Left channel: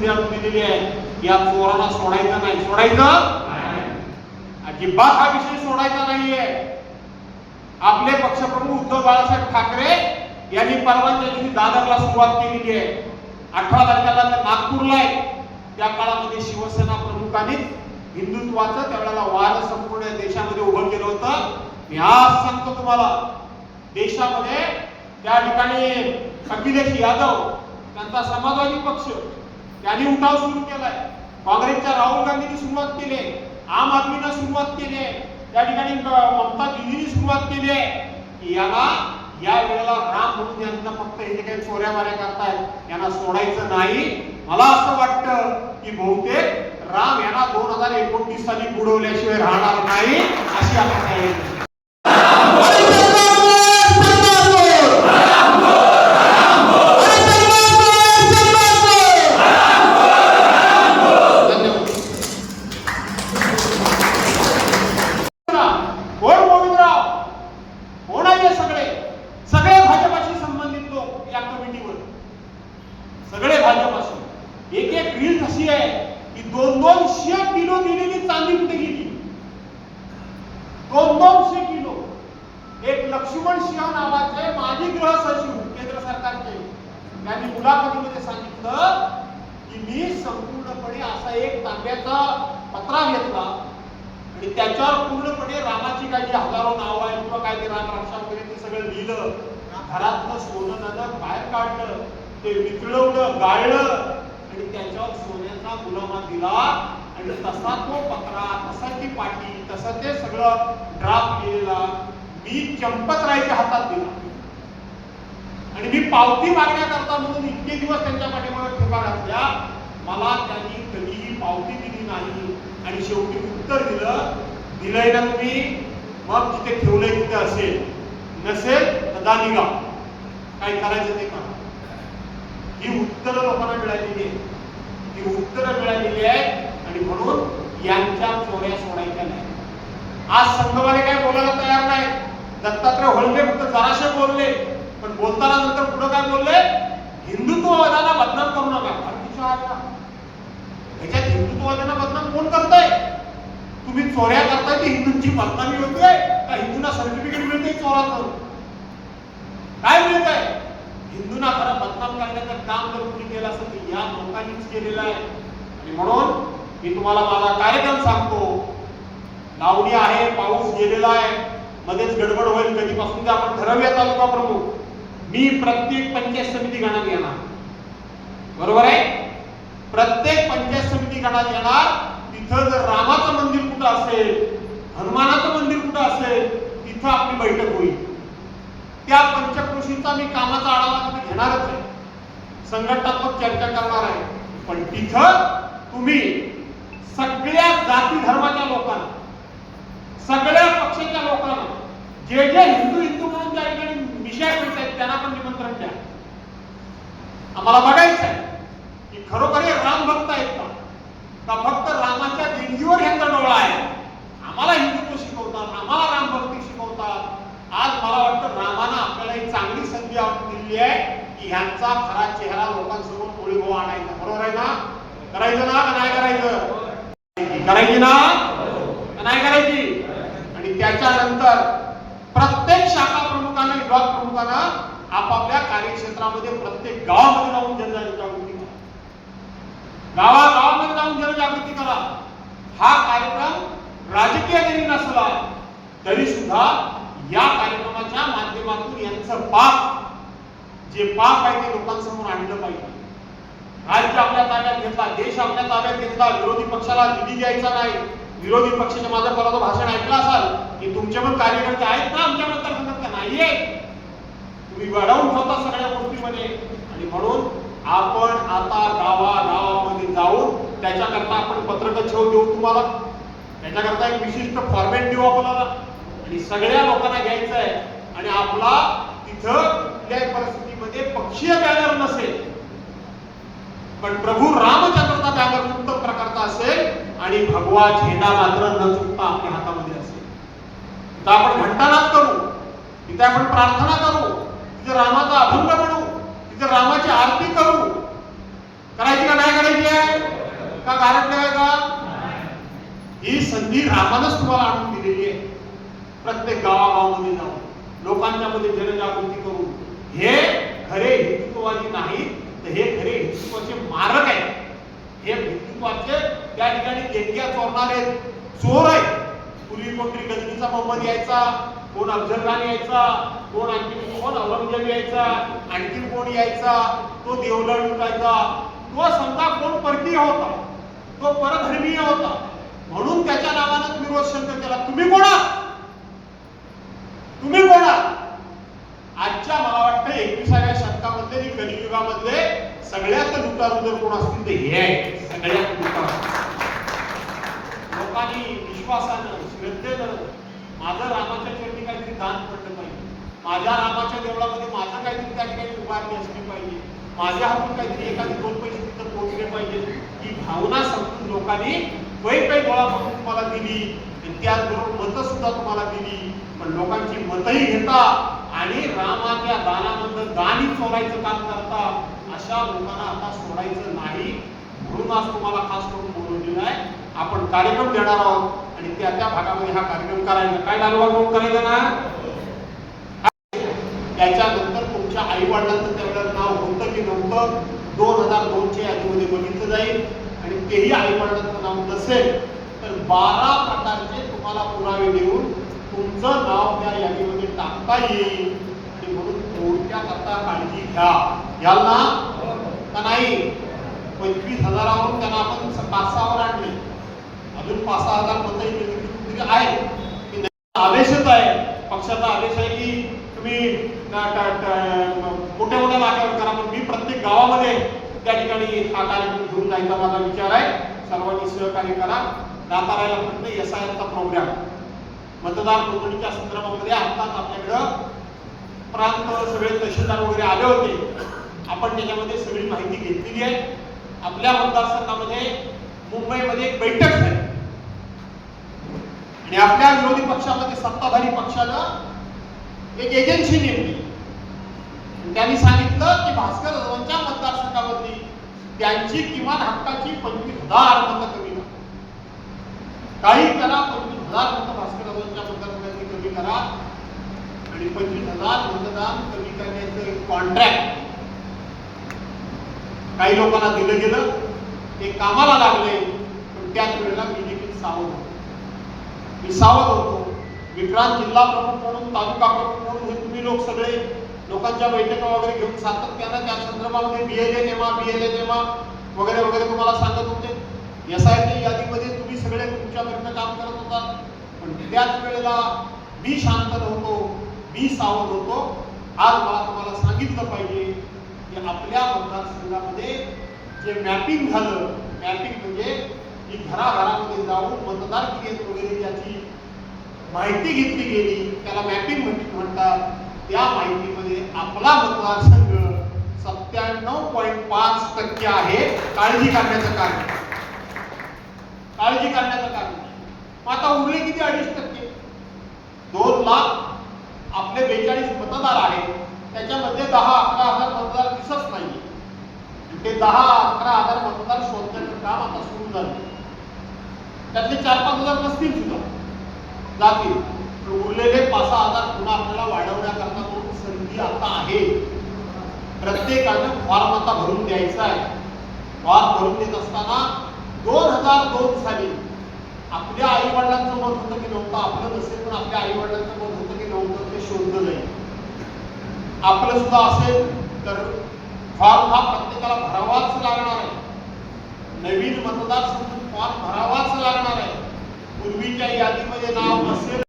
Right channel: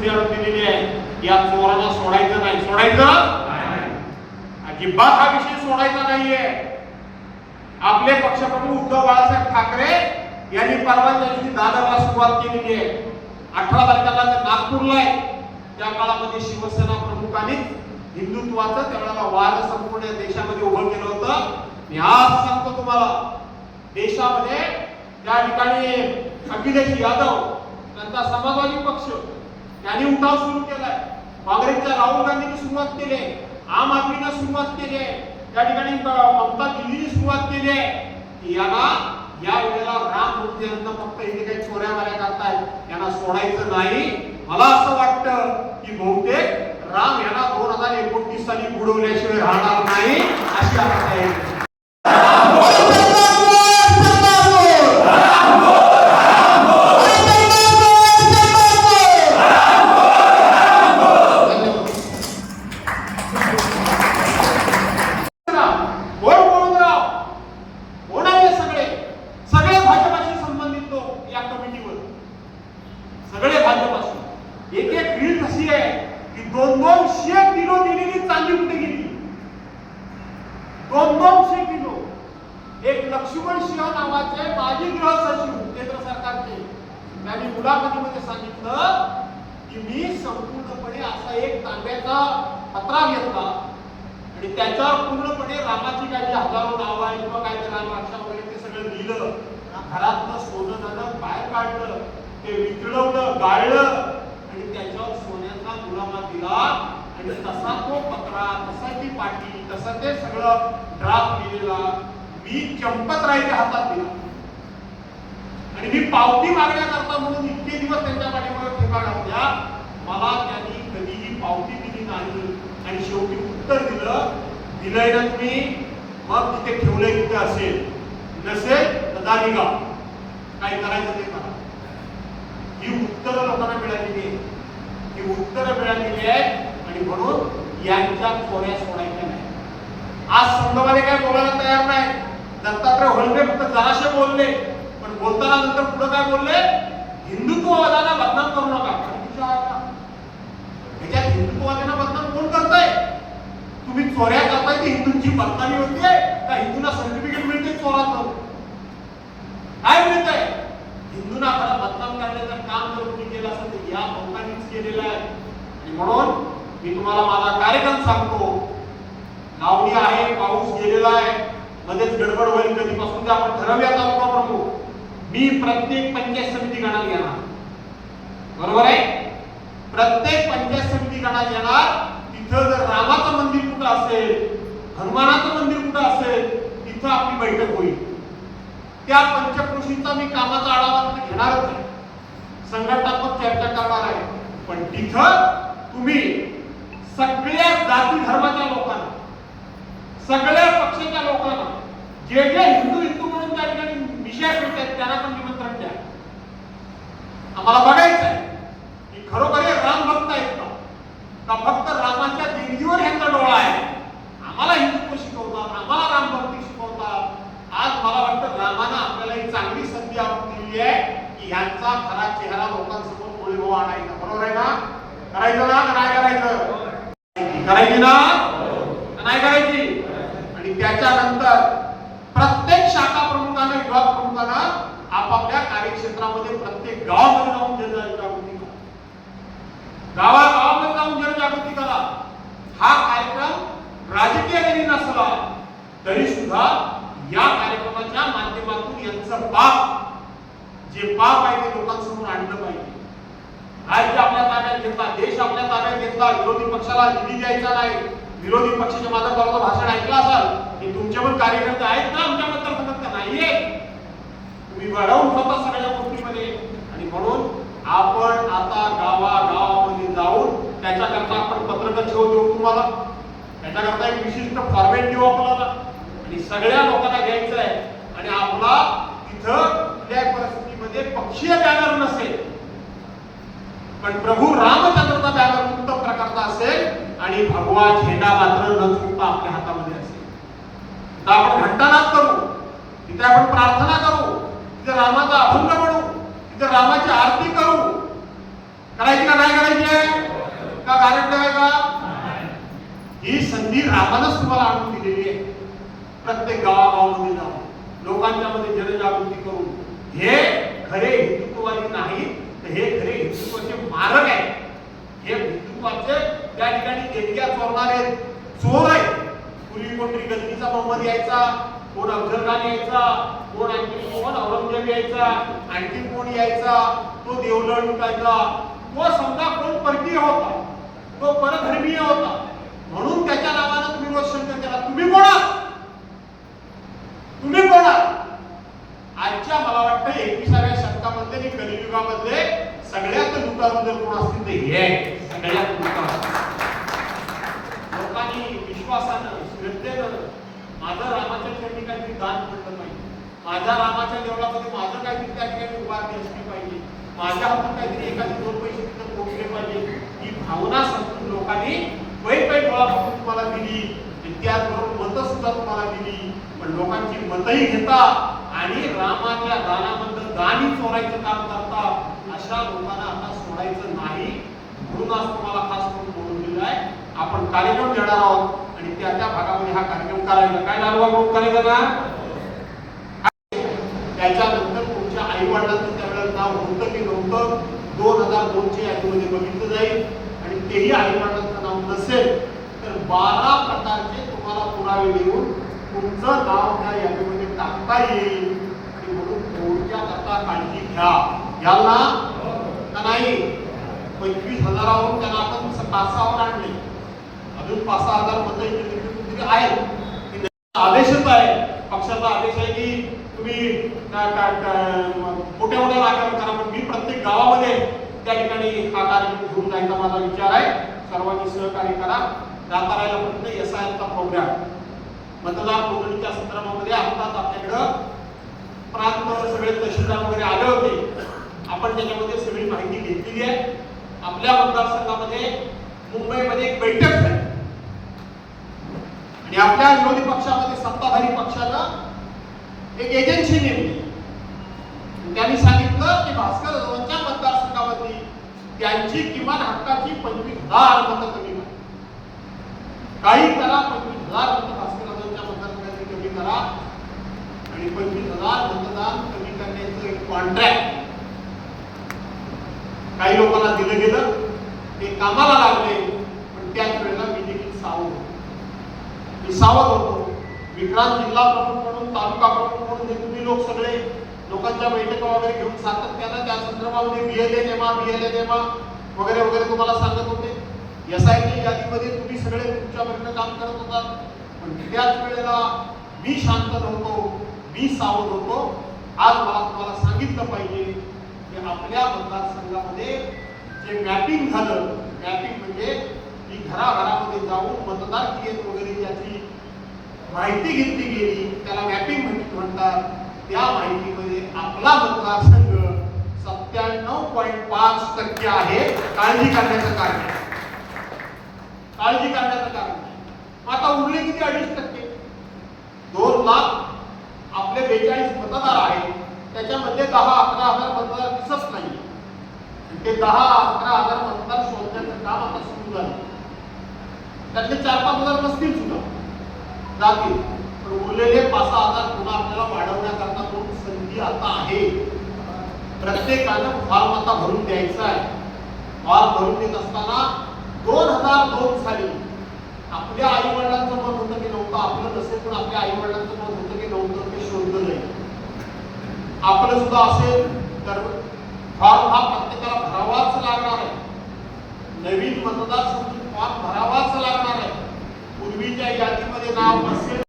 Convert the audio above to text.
सूर्यावर दिलेली आहे. या चोराला सोडायचं नाही. सोडायचं अजिबात हा विषय सोडायचा नाहीये. आपले पक्षप्रमुख उद्धव बाळासाहेब ठाकरे यांनी परवाच्या दिवशी दादरला सुरुवात केलेली आहे. 18 तारखेला नागपूरला आहे. त्या काळामध्ये शिवसेना प्रमुखांनी हिंदुत्वाचं त्यावेळेला वार संपूर्ण देशामध्ये उभं केलं होतं. मी आज सांगतो तुम्हाला, देशामध्ये त्या ठिकाणी अखिलेश यादव त्यांचा समाजवादी पक्ष यांनी उठाव सुरू केलाय. काँग्रेसच्या राहुल गांधींनी सुरुवात केली, आम आदमीने सुरुवात केली, त्या ठिकाणी ममता दिदींनी सुरुवात केली आहे की याला या वेळेला राम म्हणून यांना फक्त हे काही चोऱ्या माऱ्या करतायत यांना सोडायचं नाही. मला असं वाटतं की बहुतेक राम यांना 2029 साली बुडवल्याशिवाय राहणार नाही अशी अपेक्षा आहे. सगळे भाजपाशी एक एक रील कशी आहे की 200 किलो दिलेली चांदी कुठे गेली. 200 किलो. एक लक्ष्मण सिंह नावाचे माजी गृह सचिव केंद्र सरकारचे यांनी मुलाखतीमध्ये सांगितलं की मी संपूर्णपणे असा एक तांब्याचा पत्रा घेतला आणि त्याच्यावर पूर्णपणे रामाची काही हजारो नावं आहेत किंवा काय ते राम रक्षा वगैरे ते सगळं लिहिलं. घरातलं सोनं नाणं बाहेर काढलं, ते वितळवलं, गाळलं आणि त्याच्यावर सोन्याचा मुलामा दिला आणि तसा तो पत्रा, तसा ती पाटी, तसा ते सगळं ड्राफ्ट लिहिलेला मी चंपतरायच्या हातात दिला आणि मी पावती मागण्याकरता म्हणून इतके दिवस त्यांच्या पाठीमागे ठिकाण असल्या मला त्यांनी कधीही पावती दिली नाही आणि शेवटी उत्तर दिलंय ना तुम्ही, मग तिथे ठेवलंय तिथे असेल, नसेल तर दानिगा काय करायचं ते करा. ही उत्तरं लोकांना मिळालेली आहे. ही उत्तरं मिळालेली आहेत आणि म्हणून यांच्या चोऱ्या सोडायच्या नाही. आज संघवाले काय बोलायला तयार नाही. दत्तात्रय होळके फक्त जराशे बोलले, पण बोलताना नंतर पुढे काय बोलले, हिंदुत्ववादाला बदनाम करू नका. ह्याच्यात हिंदुत्ववादाला बदनाम कोण करताय? तुम्ही चोऱ्या करताय ती हिंदूंची बदनामी होते का हिंदूंना सर्टिफिकेट मिळते चोराचं? काय मिळतंय? हिंदूंना खरं बदनाम करण्याचं काम जर कोणी केलं असेल तर या लोकांनीच केलेलं आहे. आणि म्हणून मी तुम्हाला माझा कार्यक्रम सांगतो. लावणी आहे, पाऊस गेलेला आहे, मध्येच गडबड होईल कधीपासून ते आपण ठरवूया तालुका प्रमुख. मी प्रत्येक पंचायत समिती गणात घेणार, बरोबर आहे? प्रत्येक पंचायत समिती गणात येणार. तिथं जर रामाचं मंदिर कुठं असेल, हनुमानाचं मंदिर कुठं असेल, तिथं आपली बैठक होईल. त्या पंचकृषींचा मी कामाचा आढावा घेणारच आहे, संघटनात्मक चर्चा करणार आहे. पण तिथं तुम्ही सगळ्या जाती धर्माच्या लोकांना, सगळ्या पक्षाच्या लोकांना, जे जे हिंदू म्हणून त्या ठिकाणी विषय करतात त्यांना पण निमंत्रण द्या. आम्हाला बघायचं आहे की खरोखर हे राम भक्त आहेत का फक्त रामाच्या देणगीवर यांचा डोळा आहे. आम्हाला हिंदुत्व शिकवतात, आम्हाला राम भक्ती शिकवतात. आज मला वाटतं रामानं आपल्याला एक चांगली संधी आपण दिली आहे की ह्यांचा खरा चेहरा लोकांसमोर ओळीव आणायचा. बरोबर आहे ना? करायचं ना का नाही करायचं? करायची ना नाही करायची? आणि त्याच्यानंतर प्रत्येक शाखा प्रमुखाने, विभाग प्रमुखांना आपापल्या कार्यक्षेत्रामध्ये प्रत्येक गावामध्ये जाऊन जनजागृती करा. गावागावामध्ये जाऊन जनजागृती करा. हा कार्यक्रम राजकीय जरी नसला तरी सुद्धा या कार्यक्रमाच्या माध्यमातून यांचं पाप, जे पाप आहे ते लोकांसमोर आणलं पाहिजे. राज्य आपल्या ताब्यात घेतला, देश आपल्या ताब्यात घेतला, विरोधी पक्षाला निधी द्यायचा नाही. विरोधी पक्षाचे माझं परवा भाषण ऐकलं असाल की तुमचे पण कार्यकर्ते आहेत ना आमच्याकडे, तर नाहीये. तुम्ही वाढवून ठेवता सगळ्या गोष्टीमध्ये. आणि म्हणून आपण आता गावागावामध्ये जाऊन त्याच्याकरता आपण पत्रक देऊ तुम्हाला, त्याच्याकरता एक विशिष्ट फॉर्मॅट देऊ आपल्याला आणि सगळ्या लोकांना घ्यायचं आहे. आणि आपला तिथं कुठल्याही परिस्थितीमध्ये पक्षीय बॅनर नसेल, पण प्रभू रामचंद्राचा बॅनर उत्तम प्रकारचा असेल आणि भगवा झेंडा मात्र न चुकता आपल्या हातामध्ये असेल. तिथं आपण घंटानाद करू, तिथे आपण प्रार्थना करू, तिथे रामाचा अभंग म्हणू, तिथे रामाची आरती करू. करायची का नाही? काय करायची आहे का गारटलं आहे का? ही संधी रामानच तुम्हाला आणून दिलेली आहे. प्रत्येक गावागावामध्ये जाऊन लोकांच्या मध्ये जनजागृती करून हे खरे हिंदुत्ववादी नाही तर हे खरे हिंदुत्वाचे मारक आहेत. हे हिंदुत्वाचे त्या ठिकाणी देणग्या चोरणारे चोर आहेत. पूर्वी कोणतरी गजनीचा मोहम्मद यायचा, कोण अफजल खान यायचा, कोण आणखी कोण औरंगजेब यायचा, आणखी कोण यायचा, तो देवलड लुटायचा, तो समजा कोण परकीय होता, तो परधर्मीय होता, म्हणून त्याच्या नावानं तुम्ही रोज शंकर केला. तुम्ही कोण आहात? तुम्ही कोण आहात? आजच्या मला वाटतं 21व्या शतकामध्ये आणि कलियुगामध्ये सगळ्यात लुटारू जर कोण असतील तर हे आहे. सगळ्यात लुटारू लोकांनी विश्वासानं श्रद्धेनं माझं रामाच्या चरणी काहीतरी दान पडलं पाहिजे, माझ्या रामाच्या देवळामध्ये माझं काहीतरी त्या ठिकाणी उभारणी असली पाहिजे, माझ्या हातून काहीतरी एखादी 2 पैसे तिथं पोहोचले पाहिजे, ही भावना समजून लोकांनी काही गोळा करून तुम्हाला दिली. त्याचबरोबर मतं सुद्धा तुम्हाला दिली. पण लोकांची मतही घेता आणि रामाच्या दानाबद्दल दानी चोरायचं काम करता. अशा लोकांना आता सोडायचं नाही. म्हणून आज तुम्हाला खास करून बोलून दिलं आहे. आपण कार्यक्रम देणार आहोत आणि त्या त्या भागामध्ये हा कार्यक्रम करायचा. काय नारळ करायचं ना? त्याच्यानंतर तुमच्या आई वडिलांचं त्यावेळेला नाव होतं की नव्हतं 2002 च्या यादीमध्ये बघितलं जाईल. आणि तेही आई वडिलांचं नाव नसेल तर 12 प्रकारचे तुम्हाला पुरावे देऊन तुमचं नाव त्या यादीमध्ये टाकता येईल. आणि म्हणून थोडक्यात आता काळजी घ्या. घ्याल ना का नाही? 25,000वरून त्यांना आपण 5,000 आणले, अजून 5,000 मध्ये आहे. आदेशच आहे, पक्षाचा आदेश आहे की तुम्ही मोठ्या मोठ्या जागेवर करा. पण मी प्रत्येक गावामध्ये त्या ठिकाणी हा कार्यक्रम घेऊन जायचा माझा विचार आहे. सर्वांनी सहकार्य करा. दातारायला फक्त SIRचा प्रोग्राम मतदार नोंदणीच्या संदर्भामध्ये आताच आपल्याकडं प्रांत सगळे तहसीलदार वगैरे आले होते. आपण त्याच्यामध्ये सगळी माहिती घेतलेली आहे. आपल्या मतदारसंघामध्ये मुंबईमध्ये एक बैठक झाली आणि आपल्या विरोधी पक्षामध्ये सत्ताधारी पक्षानं एक एजन्सी नेमली. त्यांनी सांगितलं की भास्कर जाधवांच्या मतदारसंघामधली त्यांची किमान हक्काची 25,000 मतं कमी करा. काही करा, 25,000 मतं भास्कर जाधवांच्या मतदारसंघातली कमी करा. आणि 25,000 मतदान कमी करण्याचं एक कॉन्ट्रॅक्ट काही लोकांना दिलं गेलं. ते कामाला लागले. पण त्याच वेळेला मी देखील सावध होतो. विक्रांत जिल्हा प्रमुख म्हणून, तालुका प्रमुख म्हणून हे तुम्ही लोक सगळे लोकांच्या बैठका वगैरे घेऊन सातत्यानं त्या संदर्भामध्ये BLA नेमा वगैरे वगैरे तुम्हाला सांगत होते. SIच्या यादीमध्ये तुम्ही सगळे तुमच्या परीने काम करत होतात. पण त्याच वेळेला मी शांत नव्हतो, मी सावध होतो. आज मला तुम्हाला सांगितलं पाहिजे की आपल्या मतदारसंघामध्ये जे मॅपिंग झालं, मॅपिंग म्हणजे की घराघरामध्ये जाऊन मतदार क्रियेत वगैरे ज्याची माहिती घेतली गेली त्याला मॅपिंग म्हणतात. त्या माहितीमध्ये आपला मतदारसंघ 97.5% आहे. काळजी करण्याचं कारण, काळजी करण्याचं कारण. आता उरले किती? 2.5%. 2 लाख आपले 42 मतदार आहेत. त्याच्यामध्ये 10-11 हजार मतदार दिसत नाही. ते 10-11 हजार मतदार शोधण्याचं काम आता सुरू झालं. त्यातले 4-5 हजार नसतील सुद्धा जातील. पण उरलेले 5-6 हजार पुन्हा आपल्याला वाढवण्याकरता म्हणून संधी आता आहे. प्रत्येकानं फॉर्म आता भरून द्यायचा आहे. फॉर्म भरून देत असताना 2002 साली आपल्या आई वडिलांचं मत होतं की नव्हतं, आपलं नसेल पण आपल्या आई वडिलांचं मत होतं की नव्हतं, ते शोधलं जाईल. आपलं सुद्धा असेल तर फॉर्म हा प्रत्येकाला भरावाच लागणार आहे. नवीन मतदार संघ फॉर्म भरावाच लागणार आहे. पूर्वीच्या यादीमध्ये नाव नसेल